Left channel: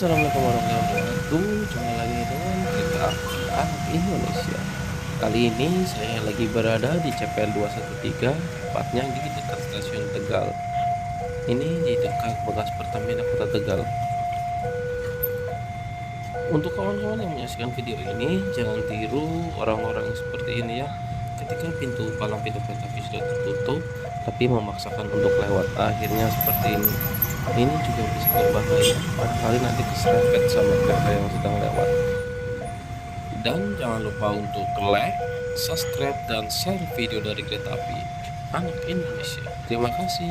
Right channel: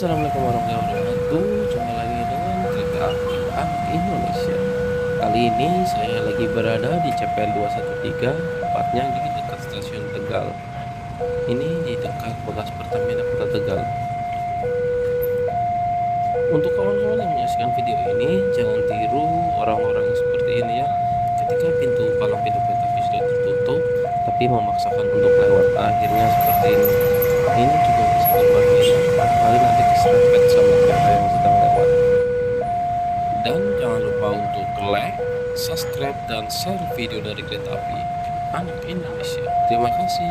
Assalamualaikum warahmatullahi wabarakatuh. Jumpa lagi dengan Kereta Api Anak Indonesia. Kali ini saya lagi berada di CPL 213, tepatnya di dekat stasiun Tegal. Ini di dekat bekas Pertamina Kota Tegal. Untuk kawan-kawan yang menyaksikan video ini, jangan tiru orang-orang seperti ini ya. Ketika palang pintu kereta api sudah tertutup, tapi memaksakan untuk lewat, akhirnya seperti ini. Ini juga bisa berbahaya, barangkali nanti keserempet sama kereta yang sedang lewat. Dan jangan lupa untuk like, subscribe, dan share video dari Kereta Api Anak Indonesia. Terima kasih.